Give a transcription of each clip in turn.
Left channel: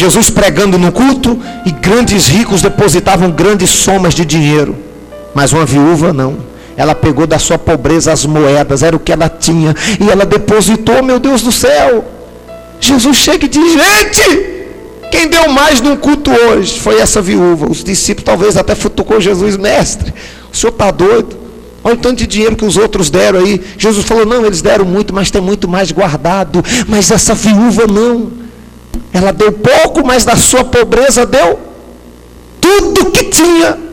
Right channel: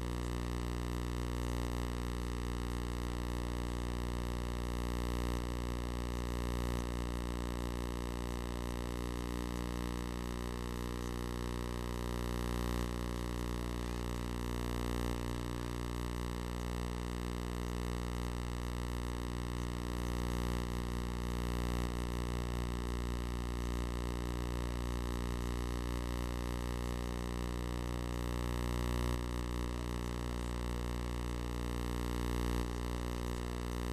Jesus pregando no culto, e grandes ricos depositavam grandes somas de dinheiro, mas uma viúva não. Ela pegou da sua pobreza as moedas, era o que ela tinha, e ela depositou. Meu Deus do céu, Jesus chega e diz: gente, quem deu mais num culto hoje foi essa viúva. Os discípulos talvez até futucou Jesus: mestre, o senhor está doido? Olha o tanto de dinheiro que os outros deram aí. Jesus falou: não, eles deram muito, mas tem muito mais guardado. Mas essa viúva não, ela deu pouco, mas da sua pobreza deu tudo que tinha.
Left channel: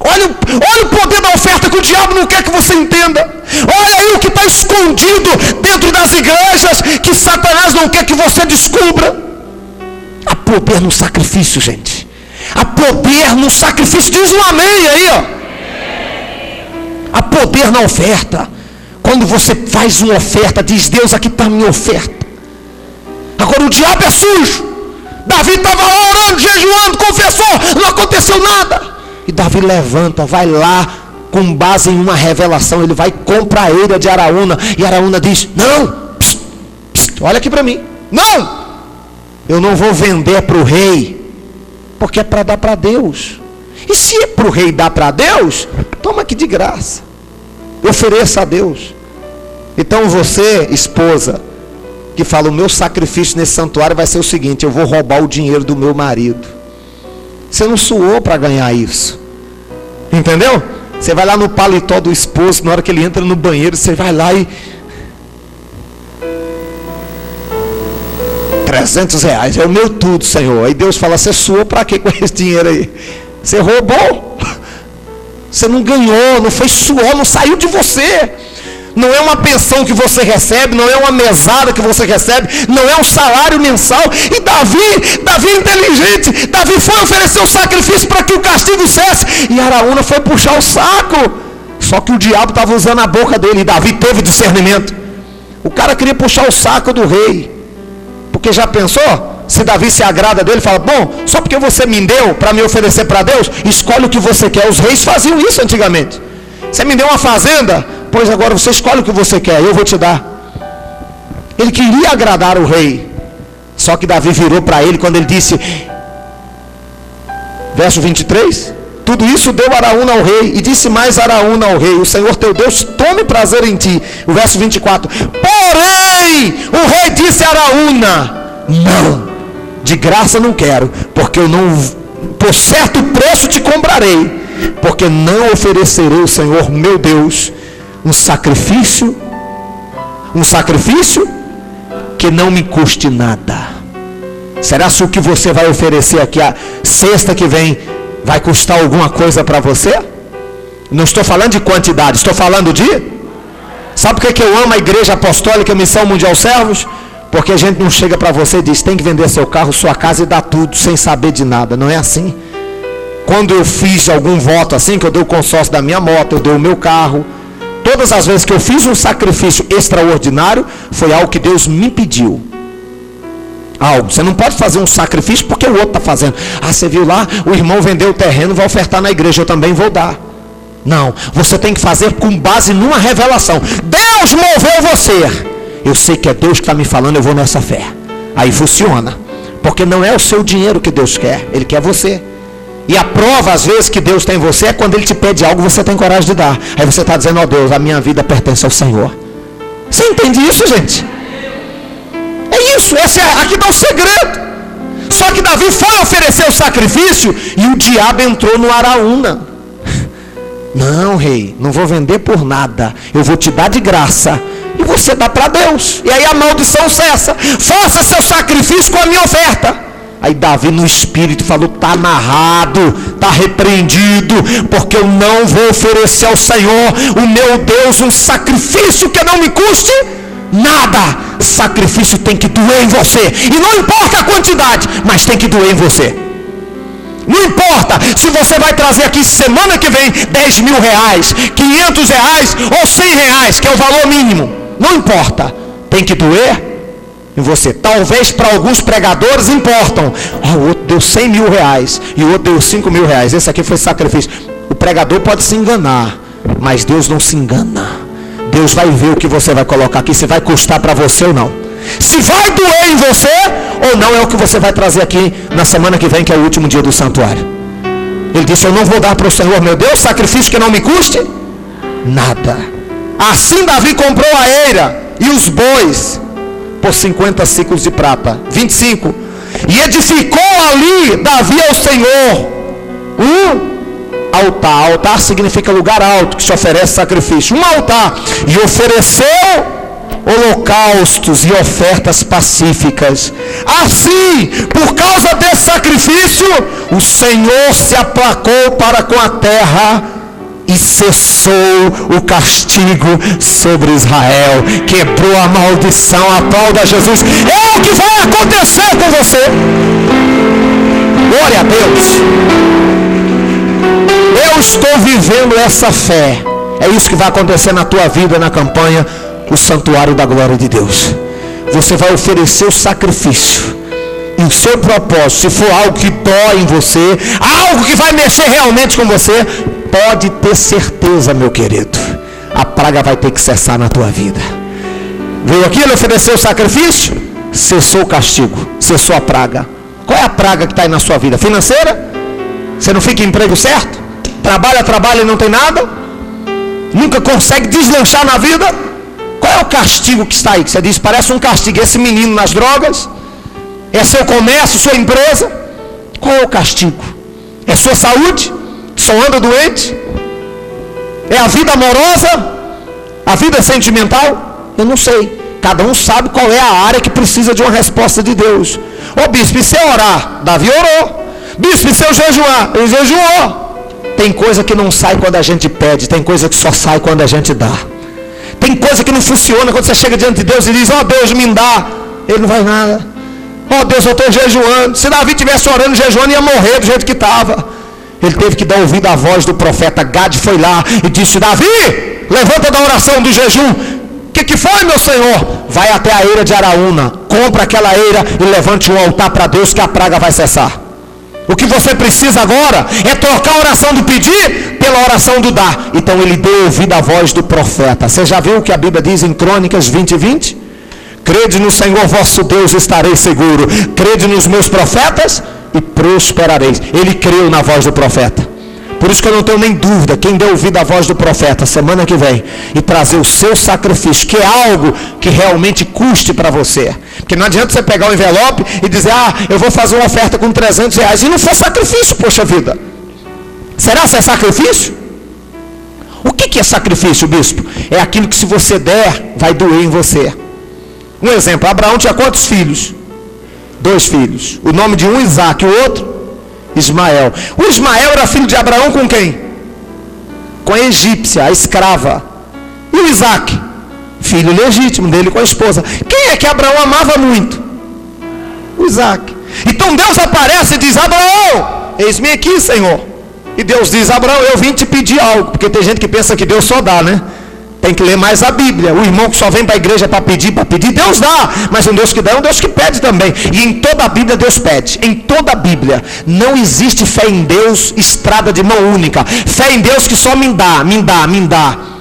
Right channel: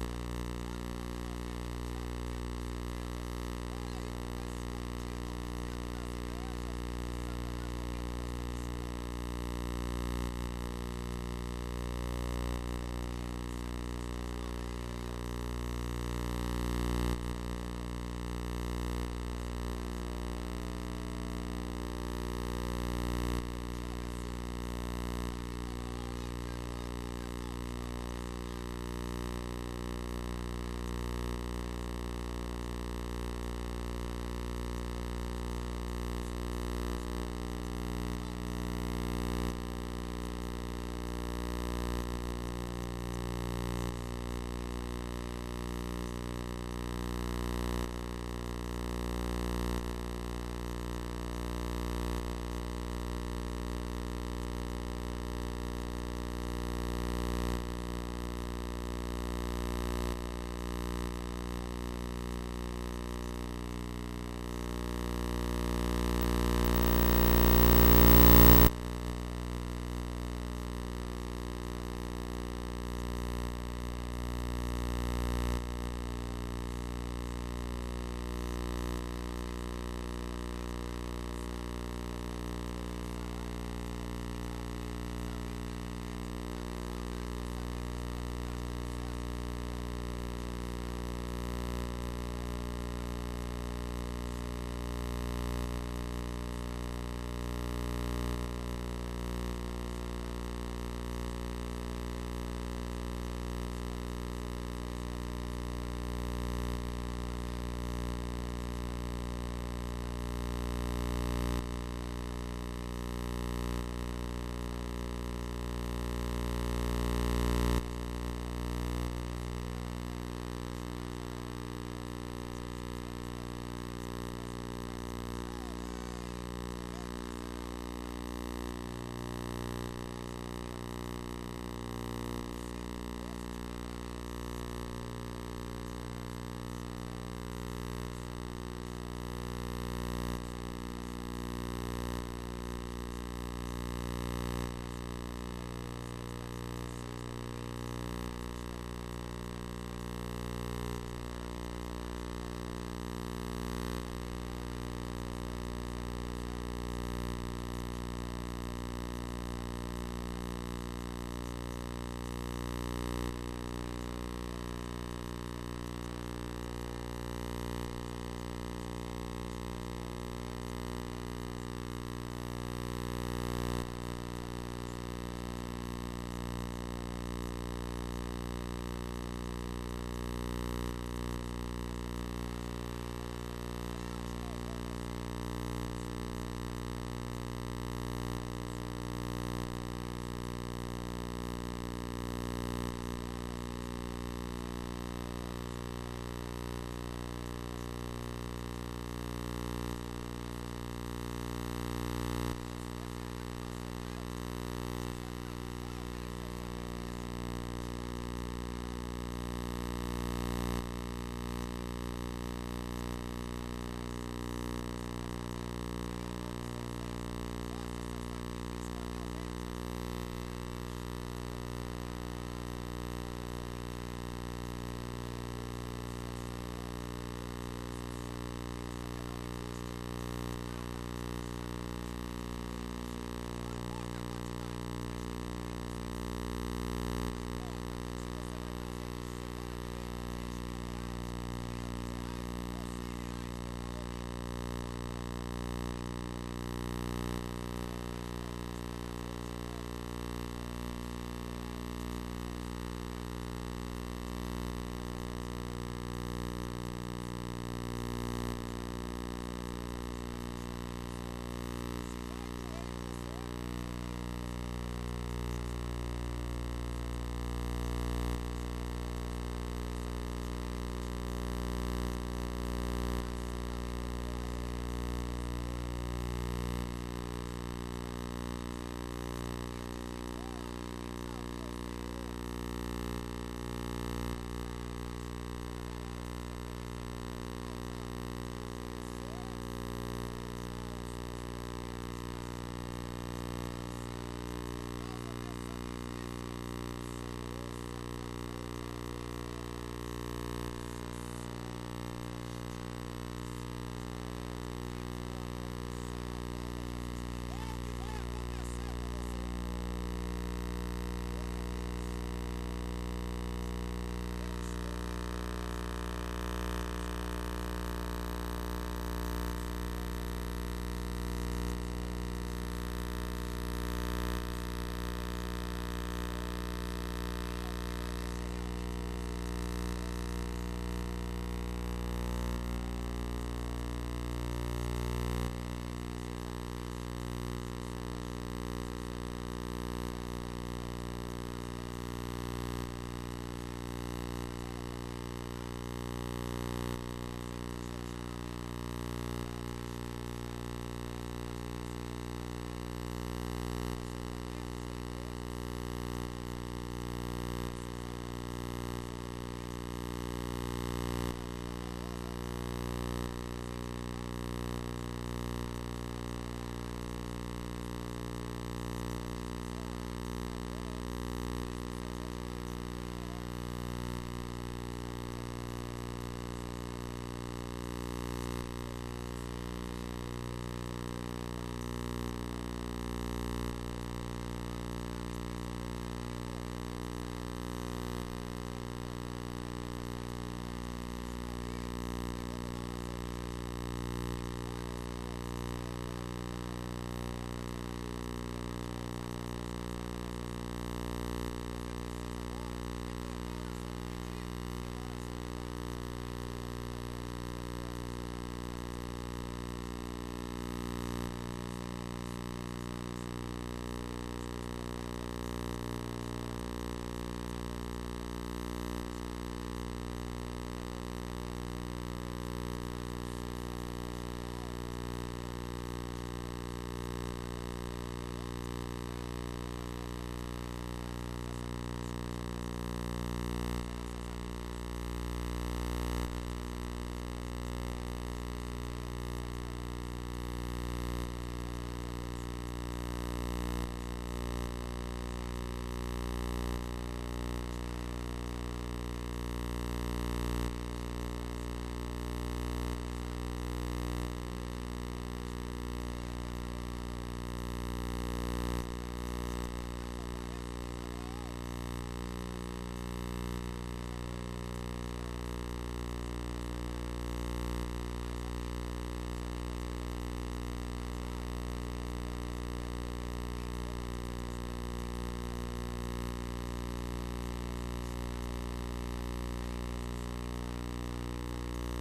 Olha o poder da oferta, que o diabo não quer que você entenda. Olha aí o que está escondido dentro das igrejas, que Satanás não quer que você descubra. Há poder no sacrifício, gente. Há poder no sacrifício. Diz um amém aí, ó. Há poder na oferta. Quando você faz uma oferta, diz: Deus, aqui está a minha oferta. Agora o diabo é sujo. Davi estava lá orando, jejuando, confessou, não aconteceu nada. E Davi levanta, vai lá, com base em uma revelação, ele vai comprar a eira de Araúna, e Araúna diz: não, psst, psst, olha aqui para mim, não, eu não vou vender para o rei, porque é para dar para Deus. E se é para o rei dar para Deus, toma aqui de graça, ofereça a Deus. Então você, esposa, que fala: o meu sacrifício nesse santuário vai ser o seguinte: eu vou roubar o dinheiro do meu marido. Você não suou para ganhar isso, entendeu? Você vai lá no paletó do esposo, na hora que ele entra no banheiro, você vai lá e R$300, é o meu tudo, Senhor. Aí Deus fala: você suou para quê com esse dinheiro aí? Você roubou, você não ganhou, não foi suor, não saiu de você. Não é uma pensão que você recebe, não é uma mesada que você recebe, não é um salário mensal. E Davi é inteligente. Davi foi oferecer o sacrifício para que o castigo cesse, e Araúna foi puxar o saco. Só que o diabo estava usando a boca dele, e Davi teve discernimento. O cara queria puxar o saco do rei, porque já pensou? Se Davi se agrada dele, fala: bom, só porque você me deu para me oferecer para Deus, escolhe o que você quer. Os reis faziam isso antigamente. Você me deu uma fazenda, pois agora você escolhe o que você quer, eu vou te dar. Ele queria agradar o rei. Só que Davi virou para ele quando ele disse, verso 23, tudo isso deu Araúna ao rei, e disse mais Araúna ao rei: o Senhor teu Deus tome prazer em ti. O verso 24, porém o rei disse a Araúna: não, de graça não quero, porque eu não, por certo preço te comprarei, porque não oferecerei ao Senhor meu Deus um sacrifício que não me custe nada. Será que o que você vai oferecer aqui a sexta que vem vai custar alguma coisa para você? Não estou falando de quantidade, estou falando de... Sabe por que eu amo a Igreja Apostólica Missão Mundial Servos? Porque a gente não chega para você e diz: tem que vender seu carro, sua casa e dar tudo sem saber de nada. Não é assim. Quando eu fiz algum voto assim, que eu dei o consórcio da minha moto, eu dei o meu carro, todas as vezes que eu fiz um sacrifício extraordinário, foi algo que Deus me pediu. Algo, você não pode fazer um sacrifício porque o outro está fazendo. Ah, você viu lá, o irmão vendeu o terreno, vai ofertar na igreja, eu também vou dar. Não, você tem que fazer com base numa revelação. Deus moveu você, eu sei que é Deus que está me falando, eu vou nessa fé. Aí funciona, porque não é o seu dinheiro que Deus quer, Ele quer você. E a prova às vezes que Deus tem em você é quando Ele te pede algo, você tem coragem de dar. Aí você está dizendo: ó Deus, a minha vida pertence ao Senhor. Você entende isso, gente? É isso, aqui está o segredo. Só que Davi foi oferecer o sacrifício e o diabo entrou no Araúna. Não, rei, não vou vender por nada, eu vou te dar de graça, e você dá para Deus, e aí a maldição cessa. Faça seu sacrifício com a minha oferta. Aí Davi no espírito falou: está amarrado, está repreendido, porque eu não vou oferecer ao Senhor, o meu Deus, um sacrifício que não me custe nada. Sacrifício tem que doer em você, e não importa a quantidade, mas tem que doer em você. Não importa se você vai trazer aqui semana que vem 10 mil reais, 500 reais ou 100 reais, que é o valor mínimo. Não importa, tem que doer em você. Talvez para alguns pregadores importam. O outro deu 100 mil reais e o outro deu 5 mil reais. Esse aqui foi sacrifício. O pregador pode se enganar, mas Deus não se engana. Deus vai ver o que você vai colocar aqui, se vai custar para você ou não. Se vai doer em você, ou não é o que você vai trazer aqui na semana que vem, que é o último dia do santuário. Ele disse: eu não vou dar para o Senhor meu Deus sacrifício que não me custe nada. Assim Davi comprou a eira e os bois por 50 ciclos de prata. 25. E edificou ali Davi ao Senhor altar. Altar significa lugar alto que se oferece sacrifício. Um altar. E ofereceu holocaustos e ofertas pacíficas. Assim, por causa desse sacrifício, o Senhor se aplacou para com a terra e cessou o castigo sobre Israel. Quebrou a maldição. Aplauda Jesus. É o que vai acontecer com você. Glória a Deus. Eu estou vivendo essa fé. É isso que vai acontecer na tua vida, na campanha o santuário da glória de Deus. Você vai oferecer o sacrifício. E o seu propósito, se for algo que dói em você, algo que vai mexer realmente com você, pode ter certeza, meu querido, a praga vai ter que cessar na tua vida. Veio aqui, ele ofereceu o sacrifício, cessou o castigo, cessou a praga. Qual é a praga que está aí na sua vida? Financeira? Você não fica em emprego certo? Trabalha e não tem nada? Nunca consegue deslanchar na vida? Qual é o castigo que está aí? Que você diz, parece um castigo. Esse menino nas drogas? É seu comércio, sua empresa? Qual é o castigo? É sua saúde? Só anda doente? É a vida amorosa? A vida sentimental? Eu não sei. Cada um sabe qual é a área que precisa de uma resposta de Deus. Ô bispo, e se eu orar? Davi orou. Bispo, e se eu jejuar? Ele jejuou. Tem coisa que não sai quando a gente pede. Tem coisa que só sai quando a gente dá. Tem coisa que não funciona quando você chega diante de Deus e diz, ó Deus, me dá. Ele não vai nada. Ó Deus, eu estou jejuando. Se Davi estivesse orando, jejuando, ia morrer do jeito que estava. Ele teve que dar ouvido à voz do profeta. Gade foi lá e disse, Davi, levanta da oração do jejum. O que foi, meu senhor? Vai até a eira de Araúna, compra aquela eira e levante um altar para Deus, que a praga vai cessar. O que você precisa agora é trocar a oração do pedir pela oração do dar. Então ele deu ouvido à voz do profeta. Você já viu o que a Bíblia diz em Crônicas 20:20? Crede no Senhor vosso Deus, estarei seguro. Crede nos meus profetas e prosperareis. Ele creu na voz do profeta. Por isso que eu não tenho nem dúvida, quem deu ouvido à voz do profeta semana que vem e trazer o seu sacrifício, que é algo que realmente custe para você. Porque não adianta você pegar um envelope e dizer, eu vou fazer uma oferta com R$300 e não for sacrifício, poxa vida. Será que é sacrifício? O que é sacrifício, bispo? É aquilo que se você der, vai doer em você. Um exemplo, Abraão tinha quantos filhos? 2 filhos. O nome de um, Isaac, o outro? Ismael. O Ismael era filho de Abraão com quem? Com a egípcia, a escrava. E o Isaac? Filho legítimo dele com a esposa. Quem é que Abraão amava muito? O Isaac. Então Deus aparece e diz, Abraão, eis-me aqui, Senhor. E Deus diz, Abraão, eu vim te pedir algo. Porque tem gente que pensa que Deus só dá, né? Tem que ler mais a Bíblia. O irmão que só vem para a igreja para pedir, Deus dá. Mas um Deus que dá é um Deus que pede também. E em toda a Bíblia Deus pede. Em toda a Bíblia. Não existe fé em Deus, estrada de mão única. Fé em Deus que só me dá.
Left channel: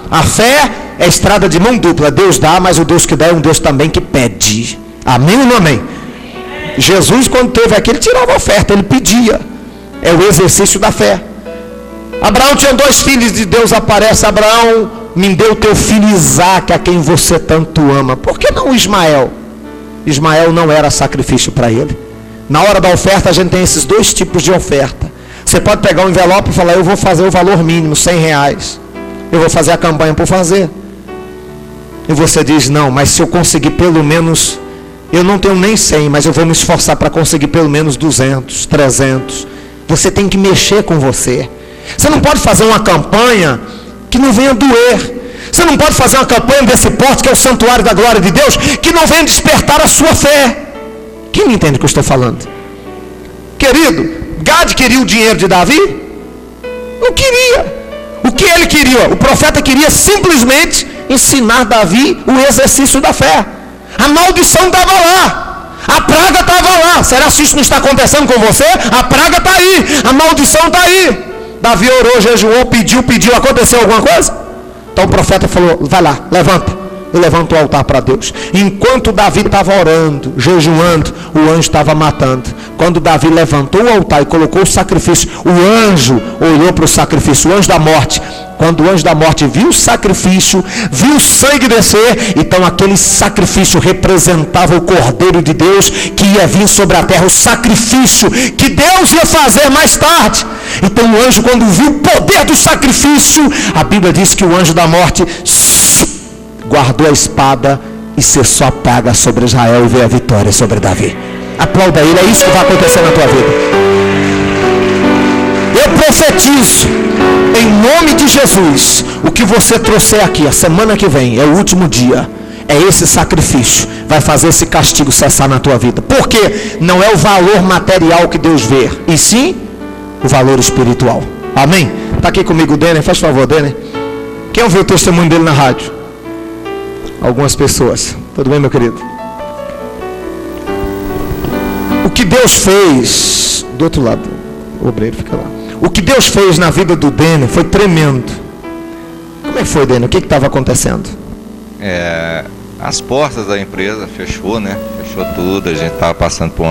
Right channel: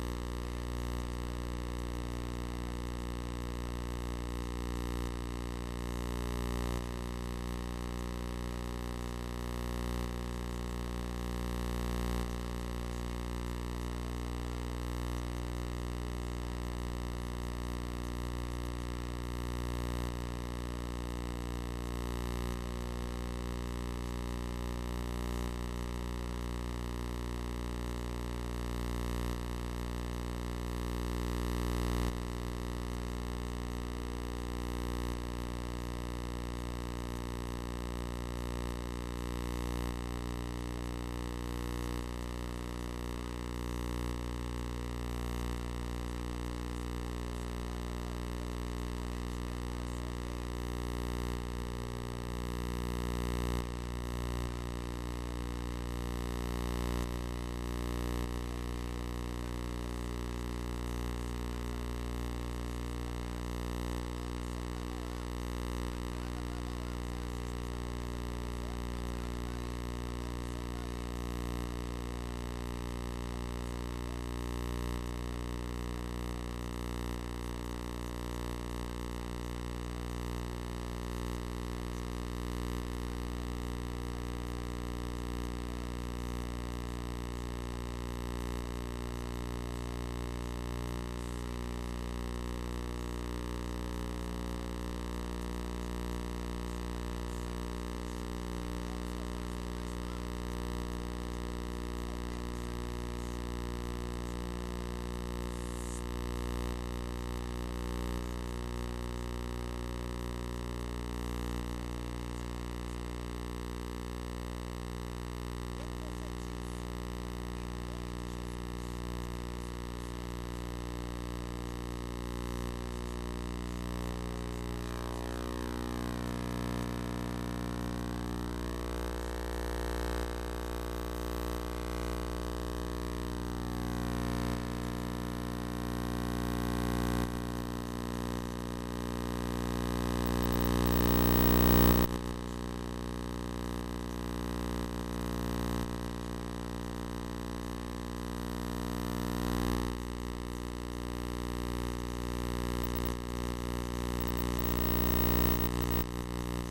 A fé é estrada de mão dupla. Deus dá, mas o Deus que dá é um Deus também que pede. Amém ou não amém? Jesus, quando teve aqui, ele tirava a oferta, ele pedia. É o exercício da fé. Abraão tinha 2 filhos, de Deus aparece, Abraão, me deu teu filho Isaac, a quem você tanto ama. Por que não Ismael? Ismael não era sacrifício para ele. Na hora da oferta a gente tem esses 2 tipos de oferta. Você pode pegar um envelope e falar, eu vou fazer o valor mínimo, R$100. Eu vou fazer a campanha por fazer. E você diz, não, mas se eu conseguir pelo menos, eu não tenho nem 100, mas eu vou me esforçar para conseguir pelo menos 200, 300. Você tem que mexer com você. Você não pode fazer uma campanha que não venha doer. Você não pode fazer uma campanha desse porte, que é o santuário da glória de Deus, que não venha despertar a sua fé. Quem me entende o que eu estou falando? Querido, Gade queria o dinheiro de Davi? Não queria. O que ele queria? O profeta queria simplesmente ensinar Davi o exercício da fé. A maldição estava lá. A praga estava lá. Será que isso não está acontecendo com você? A praga está aí. A maldição está aí. Davi orou, jejuou, pediu. Aconteceu alguma coisa? Então o profeta falou, vai lá, levanta. e levantou o altar para Deus. Enquanto Davi estava orando, jejuando, o anjo estava matando. Quando Davi levantou o altar e colocou o sacrifício, o anjo olhou para o sacrifício, o anjo da morte. Quando o anjo da morte viu o sacrifício, viu o sangue descer, então aquele sacrifício representava o Cordeiro de Deus que ia vir sobre a terra, o sacrifício que Deus ia fazer mais tarde. Então o anjo, quando viu o poder do sacrifício, a Bíblia diz que o anjo da morte guardou a espada e cessou a praga sobre Israel e veio a vitória sobre Davi. Aplauda ele, é isso que vai acontecer na tua vida. Eu profetizo, em nome de Jesus, o que você trouxer aqui, a semana que vem, é o último dia, é esse sacrifício, vai fazer esse castigo cessar na tua vida. Porque não é o valor material que Deus vê, e sim o valor espiritual. Amém? Está aqui comigo o Denner, faz favor, Denner. Quem ouviu o testemunho dele na rádio? Algumas pessoas. Tudo bem, meu querido? O que Deus fez do outro lado, o obreiro fica lá. O que Deus fez na vida do Denner foi tremendo. Como é que foi, Denner? O que estava acontecendo? As portas da empresa fechou, né? Fechou tudo. A gente estava passando por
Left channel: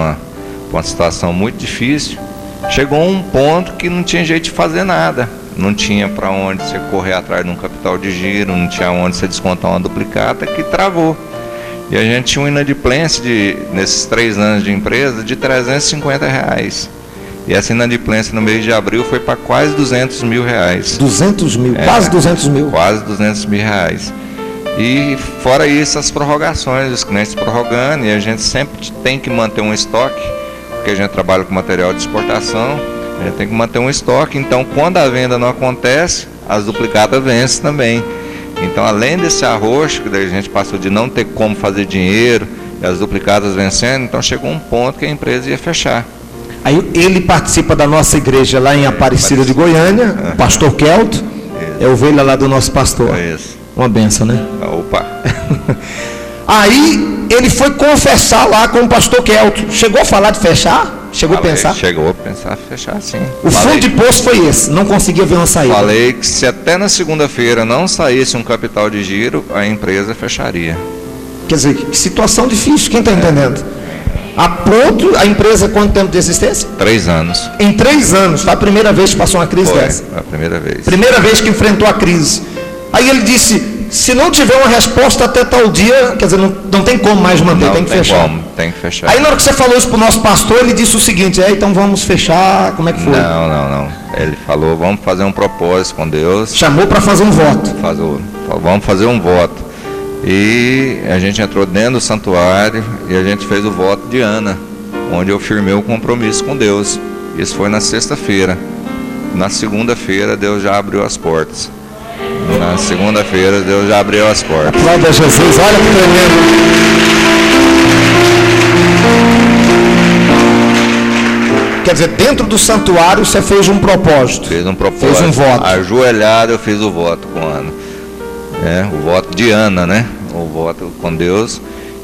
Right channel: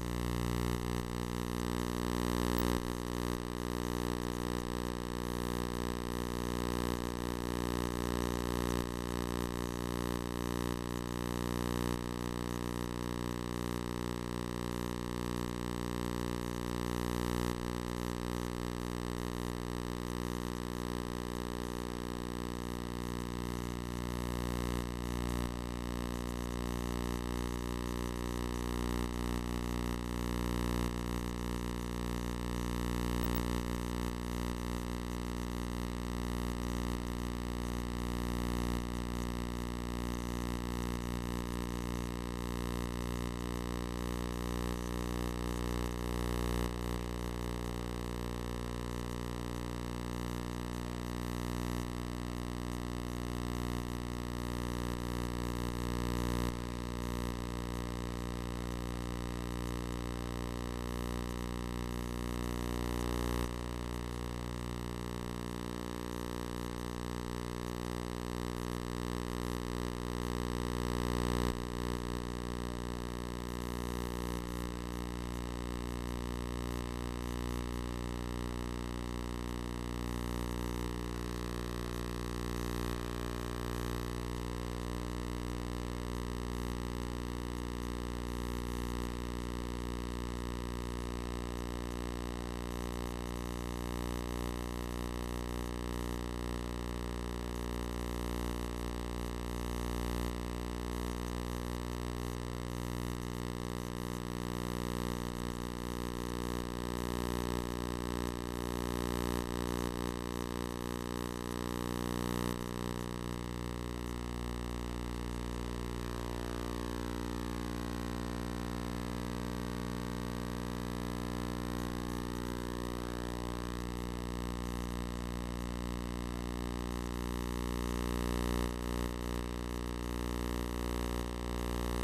uma situação muito difícil. Chegou um ponto que não tinha jeito de fazer nada. Não tinha para onde você correr atrás de um capital de giro, não tinha onde você descontar uma duplicata, que travou. E a gente tinha uma inadimplência nesses 3 anos de empresa de R$350. E essa inadimplência no mês de abril foi para quase R$200 mil. 200 mil, quase 200 mil. Quase R$200 mil. E fora isso, as prorrogações, os clientes prorrogando, e a gente sempre tem que manter um estoque, porque a gente trabalha com material de exportação, a gente tem que manter um estoque. Então, quando a venda não acontece, as duplicatas vencem também. Então, além desse arroxo, que a gente passou de não ter como fazer dinheiro, e as duplicatas vencendo, então chegou um ponto que a empresa ia fechar. Aí ele participa da nossa igreja lá em Aparecida de Goiânia, o pastor Kelto, é ovelha lá do nosso pastor. Isso. Uma benção, né? Opa! Aí ele foi confessar lá com o pastor Kelto. Chegou a falar de fechar? Chegou a pensar? Chegou a pensar fechar, sim. O fundo de poço foi esse, não conseguia ver uma saída. Falei que se até na segunda-feira não saísse um capital de giro, a empresa fecharia. Quer dizer, que situação difícil, quem está entendendo? A ponto, a empresa, quanto tempo de existência? 3 anos. Em 3 anos, foi a primeira vez que passou uma crise dessa? Foi a primeira vez. Primeira vez que enfrentou a crise. Aí ele disse, se não tiver uma resposta até tal dia, quer dizer, não tem como mais manter, tem que fechar. Tem que fechar. Aí na hora que você falou isso para o nosso pastor, ele disse o seguinte, então vamos fechar, como é que foi? Não. Ele falou, vamos fazer um propósito com Deus. Chamou para fazer um voto. Vamos fazer um voto. E a gente entrou dentro do santuário e a gente fez o voto de Ana, onde eu firmei o compromisso com Deus. Isso foi na sexta-feira. Na segunda-feira, Deus já abriu as portas. Na segunda-feira, Deus já abriu as portas. Glória a Jesus, olha que tremendo. Quer dizer, dentro do santuário você fez um propósito. Fez um propósito. Fez um voto. Ajoelhado eu fiz o voto com Ana. O voto de Ana, né? O voto com Deus.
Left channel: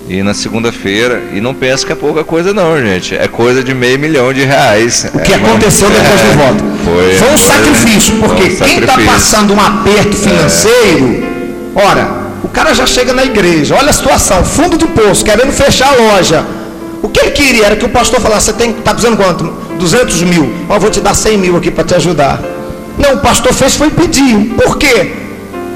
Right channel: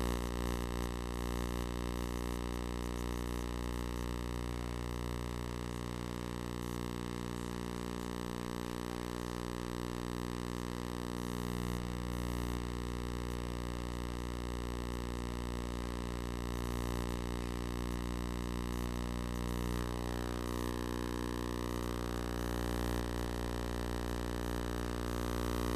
E na segunda-feira, e não pensa que é pouca coisa não, gente. É coisa de R$500 mil. O que aconteceu depois do voto? Foi um sacrifício, porque quem está passando um aperto financeiro, ora, o cara já chega na igreja, olha a situação, fundo de poço, querendo fechar a loja. O que ele queria era que o pastor falasse, você está precisando quanto? 200 mil. Eu vou te dar 100 mil aqui para te ajudar. Não, o pastor fez foi pedir. Por quê?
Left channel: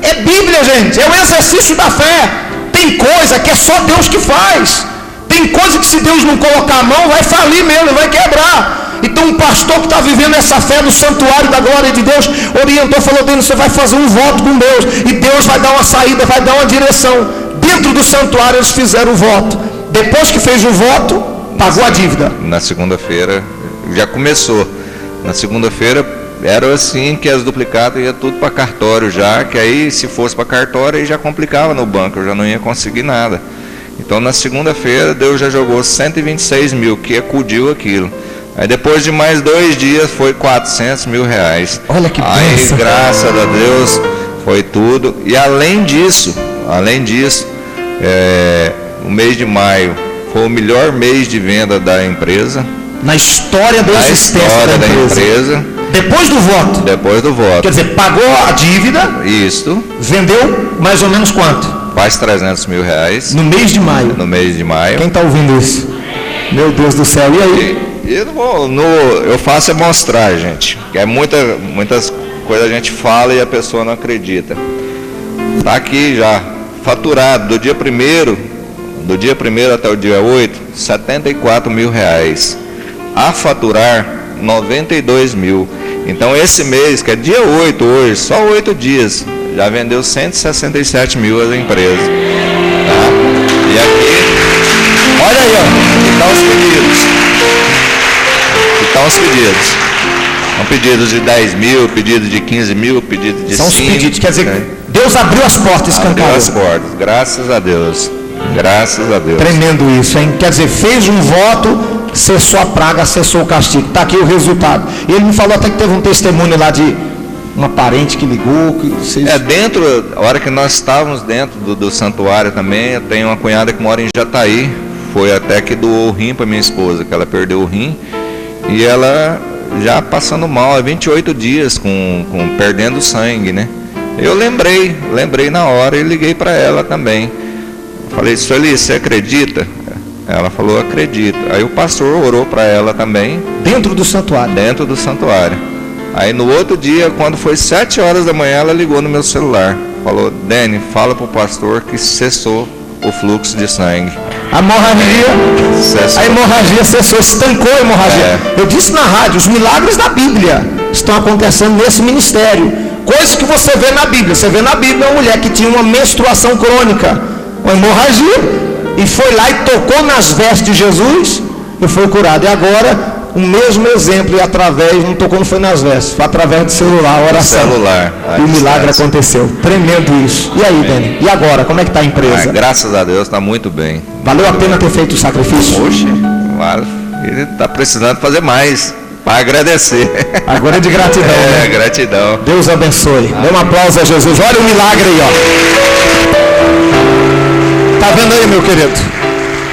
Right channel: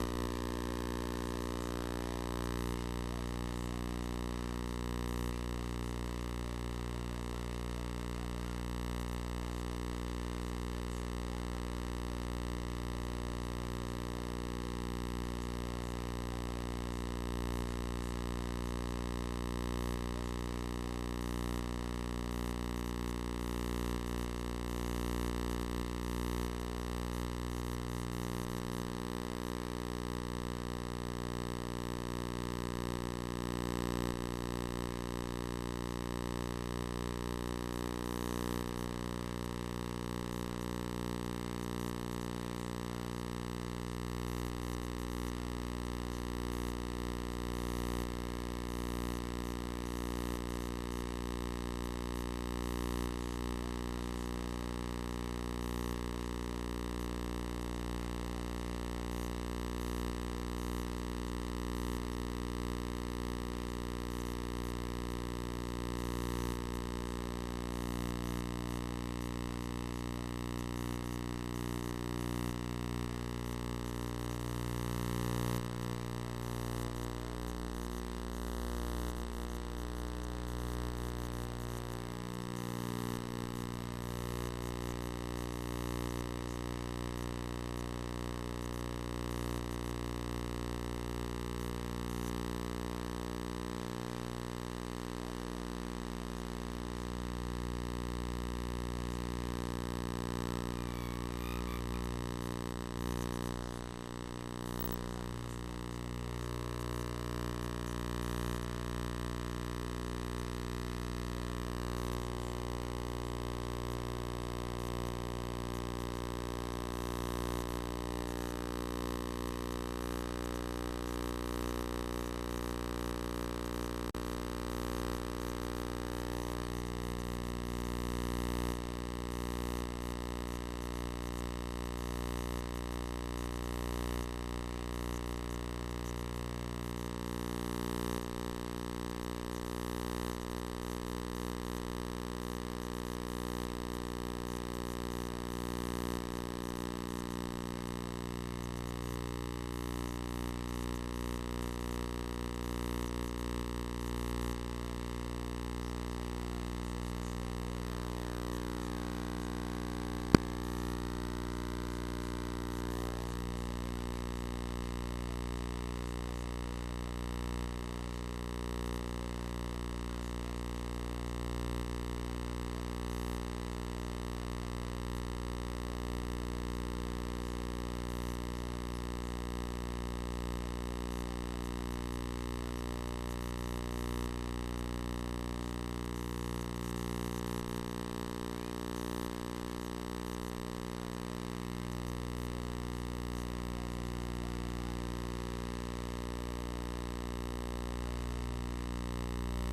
É Bíblia, gente, é o exercício da fé. Tem coisa que é só Deus que faz. Tem coisa que se Deus não colocar a mão, vai falir mesmo, vai quebrar. Então um pastor que está vivendo essa fé no santuário da glória de Deus, orientou, falou, Deus, você vai fazer um voto com Deus, e Deus vai dar uma saída, vai dar uma direção. Dentro do santuário eles fizeram o voto. Depois que fez o voto, pagou a dívida. Na segunda-feira, já começou. Na segunda-feira, era assim que as duplicatas iam tudo para cartório já, que aí se fosse para cartório aí já complicava no banco, eu já não ia conseguir nada. Então na segunda-feira Deus já jogou 126 mil, que acudiu aquilo. Aí depois de mais 2 dias foi R$400 mil. Olha que aí bênção. Graças a Deus foi tudo. E além disso, o mês de maio foi o melhor mês de venda da empresa. Na história da existência da empresa. Depois do voto? Depois do voto. Quer dizer, pagou a dívida. Isso. Vendeu mais ou menos quanto? quase 300 mil reais. No mês de maio. No mês de maio. Quem está ouvindo isso? Meu Deus do céu, e aí? Eu faço é mostrar, gente. Que é muitas coisas a gente fala e a pessoa não acredita. Está aqui já, faturado do dia 1º até o dia 8, 74 mil reais. A faturar 92 mil. Então esse mês, que é dia 8 hoje, só 8 dias, já vendeu 167 mil as empresas. Tá? E aqui, olha aí, ó, aqui estão os pedidos. Aqui estão os pedidos. São pedidos de 10 mil, pedidos de 15 mil, pedidos de 5. São os pedidos, quer dizer, Deus abriu as portas, escancarou. Abriu as portas, graças a Deus. Graças a Deus. Tremendo isso, hein? Quer dizer, fez um voto, cessou a praga, cessou o castigo. Está aqui o resultado. E ele me falou até que teve um testemunho lá de uma parente que ligou. Que vocês... a hora que nós estávamos dentro do santuário também, eu tenho uma cunhada que mora em Jataí. Foi até que doou o rim para minha esposa, que ela perdeu o rim. E ela já passando mal há 28 dias, perdendo sangue, né? Eu lembrei na hora e liguei para ela também. Falei, Sueli, você acredita? Ela falou, acredito. Aí o pastor orou para ela também. Dentro do santuário? Dentro do santuário. Aí no outro dia, quando foi 7 horas da manhã, ela ligou no meu celular. Falou, Dani, fala para o pastor que cessou o fluxo de sangue. A hemorragia cessou, estancou a hemorragia. Eu disse na rádio, os milagres da Bíblia estão acontecendo nesse ministério. Coisas que você vê na Bíblia. Você vê na Bíblia uma mulher que tinha uma menstruação crônica, uma hemorragia, e foi lá e tocou nas vestes de Jesus e foi curado. E agora, o mesmo exemplo, e não tocou, não foi nas vestes, foi através do celular, a oração. E o milagre aconteceu. Tremendo isso. E aí, Dani? E agora, como é que está a empresa? Graças a Deus, está muito bem. Valeu a pena ter feito o sacrifício? Oxe, ele está precisando fazer mais. Para agradecer. Agora é de gratidão. Né? Gratidão. Deus abençoe. Dê um aplauso a Jesus. Olha o milagre aí, ó. Tá vendo aí, meu querido?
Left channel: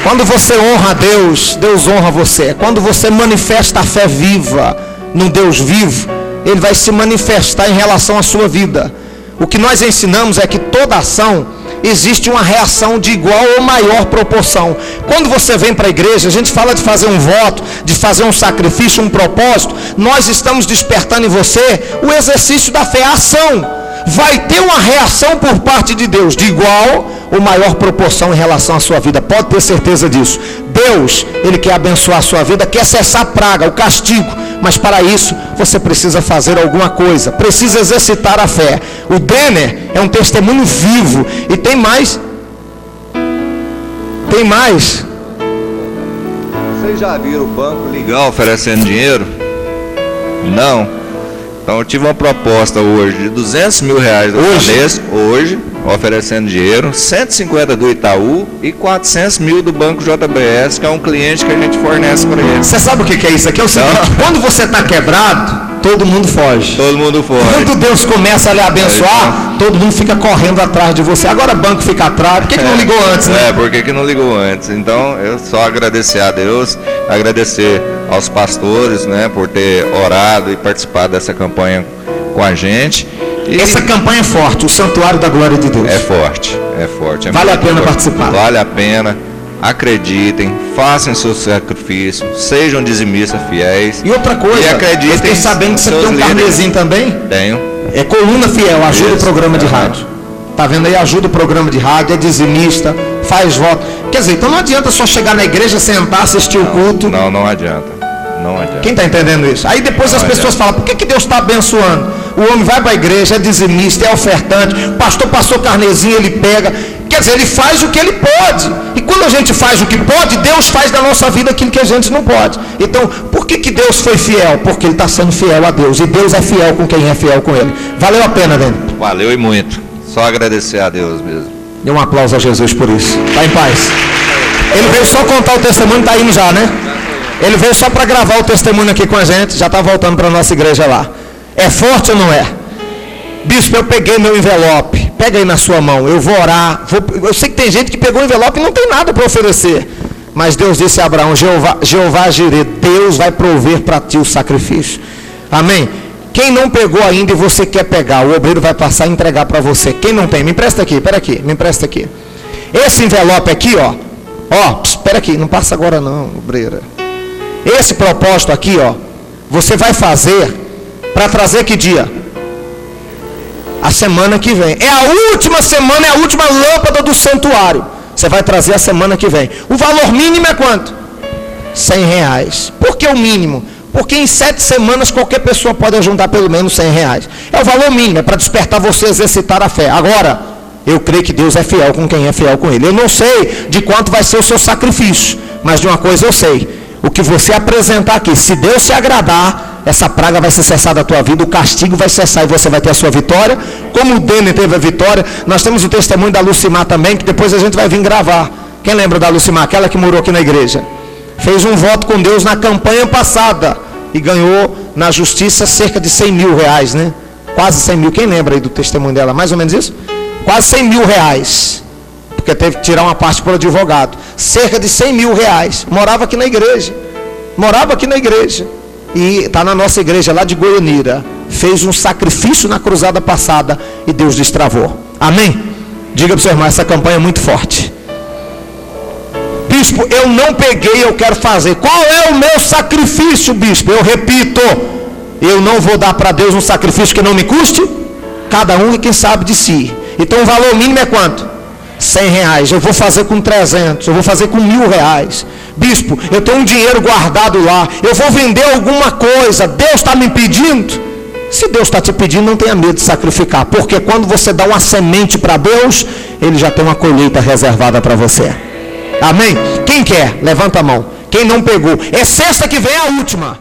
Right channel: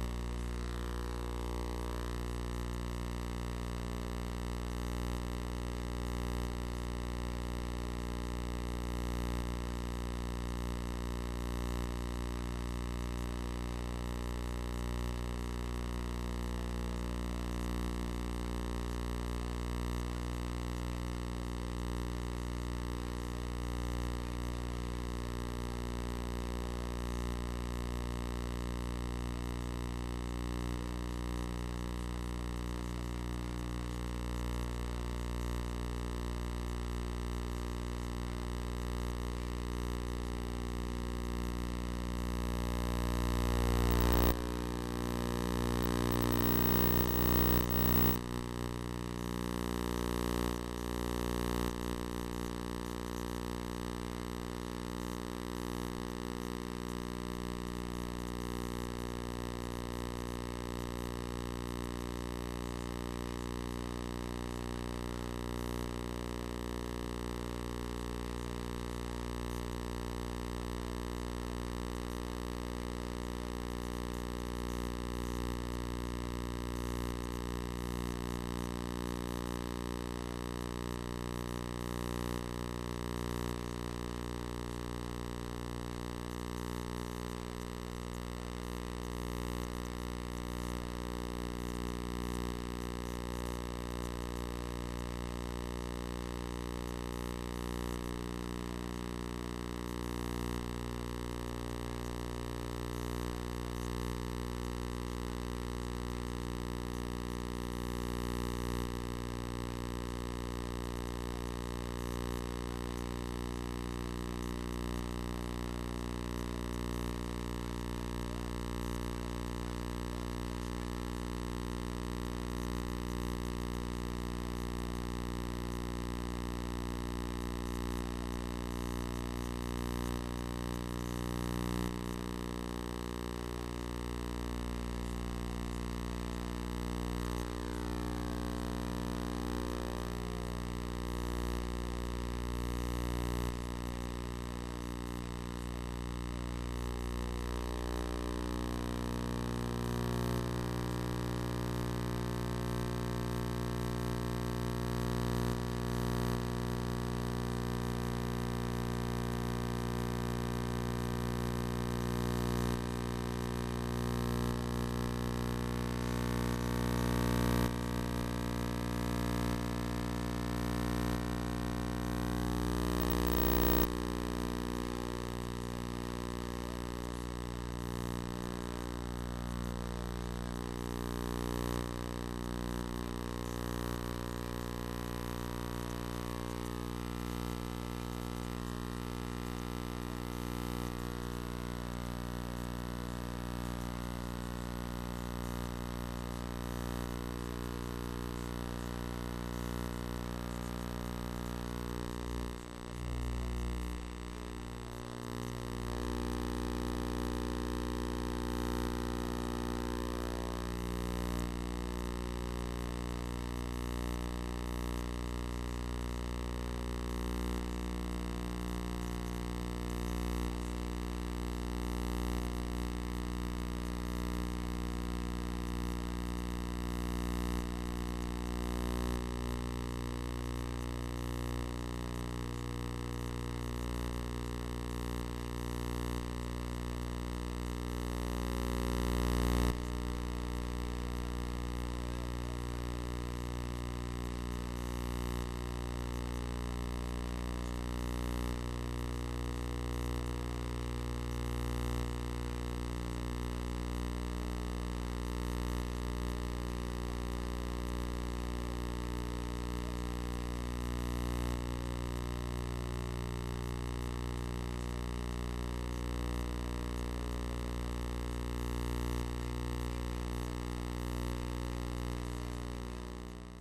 Quando você honra a Deus, Deus honra você. Quando você manifesta a fé viva num Deus vivo, Ele vai se manifestar em relação à sua vida. O que nós ensinamos é que toda ação existe uma reação de igual ou maior proporção. Quando você vem para a igreja, a gente fala de fazer um voto, de fazer um sacrifício, um propósito. Nós estamos despertando em você o exercício da fé, a ação. Vai ter uma reação por parte de Deus, de igual ou maior proporção em relação à sua vida. Pode ter certeza disso. Deus, Ele quer abençoar a sua vida, quer cessar a praga, o castigo. Mas para isso, você precisa fazer alguma coisa. Precisa exercitar a fé. O Denner é um testemunho vivo. E tem mais. Vocês já viram o banco ligar oferecendo dinheiro? Não. Então eu tive uma proposta hoje de 200 mil reais do Banesco, hoje, oferecendo dinheiro, 150 do Itaú e 400 mil do Banco JBS, que é um cliente que a gente fornece para ele. Você sabe o que é isso? Aqui é o seguinte, quando você está quebrado, todo mundo foge. Todo mundo foge. Quando Deus começa a lhe abençoar, todo mundo fica correndo atrás de você. Agora o banco fica atrás. Por que não ligou antes, né? Por que não ligou antes? Então eu só agradecer a Deus, agradecer aos pastores, né, por ter orado e participado dessa campanha com a gente. E essa campanha é forte, o Santuário da Glória de Deus. É forte. Vale a pena participar. Vale a pena. Acreditem, façam seu sacrifício, sejam dizimistas fiéis. E outra coisa, e acreditem, eu fiquei sabendo que você tem um carnezinho também? Tenho. É coluna fiel, ajuda o programa de rádio. Tá vendo aí? Ajuda o programa de rádio, é dizimista, faz voto. Quer dizer, então não adianta só chegar na igreja, sentar, assistir o culto. Não adianta. Quem está entendendo isso? Aí depois as pessoas falam, por que Deus está abençoando? O homem vai para a igreja, é dizimista, é ofertante, o pastor passou carnezinho, ele pega. Quer dizer, ele faz o que ele pode. E quando a gente faz o que pode, Deus faz da nossa vida aquilo que a gente não pode. Então, por que Deus foi fiel? Porque Ele está sendo fiel a Deus. E Deus é fiel com quem é fiel com Ele. Valeu a pena, Dani? Valeu e muito. Só agradecer a Deus mesmo. Dê um aplauso a Jesus por isso. Está em paz. Ele veio só contar o testemunho, está indo já, né? Ele veio só para gravar o testemunho aqui com a gente. Já está voltando para a nossa igreja lá. É forte ou não é? Bispo, eu peguei meu envelope. Pega aí na sua mão, eu vou orar. Eu sei que tem gente que pegou o envelope e não tem nada para oferecer. Mas Deus disse a Abraão, Jeová Jireh, Deus vai prover para ti o sacrifício. Amém? Quem não pegou ainda e você quer pegar, o obreiro vai passar e entregar para você. Quem não tem, me empresta aqui, espera aqui, me empresta aqui. Esse envelope aqui, ó, espera aqui, não passa agora não, obreira. Esse propósito aqui, ó, você vai fazer para trazer que dia? A semana que vem. É a última semana, é a última lâmpada do santuário. Você vai trazer a semana que vem. O valor mínimo é quanto? R$100. Por que o mínimo? Porque em 7 semanas qualquer pessoa pode ajuntar pelo menos R$100. É o valor mínimo, é para despertar você a exercitar a fé. Agora, eu creio que Deus é fiel com quem é fiel com Ele. Eu não sei de quanto vai ser o seu sacrifício, mas de uma coisa eu sei. O que você apresentar aqui, se Deus se agradar, essa praga vai ser cessada da tua vida, o castigo vai cessar e você vai ter a sua vitória. Como o Denner teve a vitória, nós temos o testemunho da Lucimar também, que depois a gente vai vir gravar. Quem lembra da Lucimar? Aquela que morou aqui na igreja. Fez um voto com Deus na campanha passada e ganhou na justiça cerca de R$100 mil, né? Quase 100 mil. Quem lembra aí do testemunho dela? Mais ou menos isso? Quase R$100 mil. Porque teve que tirar uma parte pelo advogado. Cerca de R$100 mil. Morava aqui na igreja. E está na nossa igreja lá de Goianira. Fez um sacrifício na cruzada passada e Deus destravou. Amém? Diga para o seu irmão, essa campanha é muito forte. Bispo, eu não peguei, eu quero fazer. Qual é o meu sacrifício, bispo? Eu repito, eu não vou dar para Deus um sacrifício que não me custe. Cada um é quem sabe de si. Então o valor mínimo é quanto? R$100. Eu vou fazer com 300, eu vou fazer com R$1.000. Bispo, eu tenho um dinheiro guardado lá, eu vou vender alguma coisa, Deus está me pedindo? Se Deus está te pedindo, não tenha medo de sacrificar, porque quando você dá uma semente para Deus, Ele já tem uma colheita reservada para você. Amém? Quem quer? Levanta a mão. Quem não pegou? É sexta que vem a última.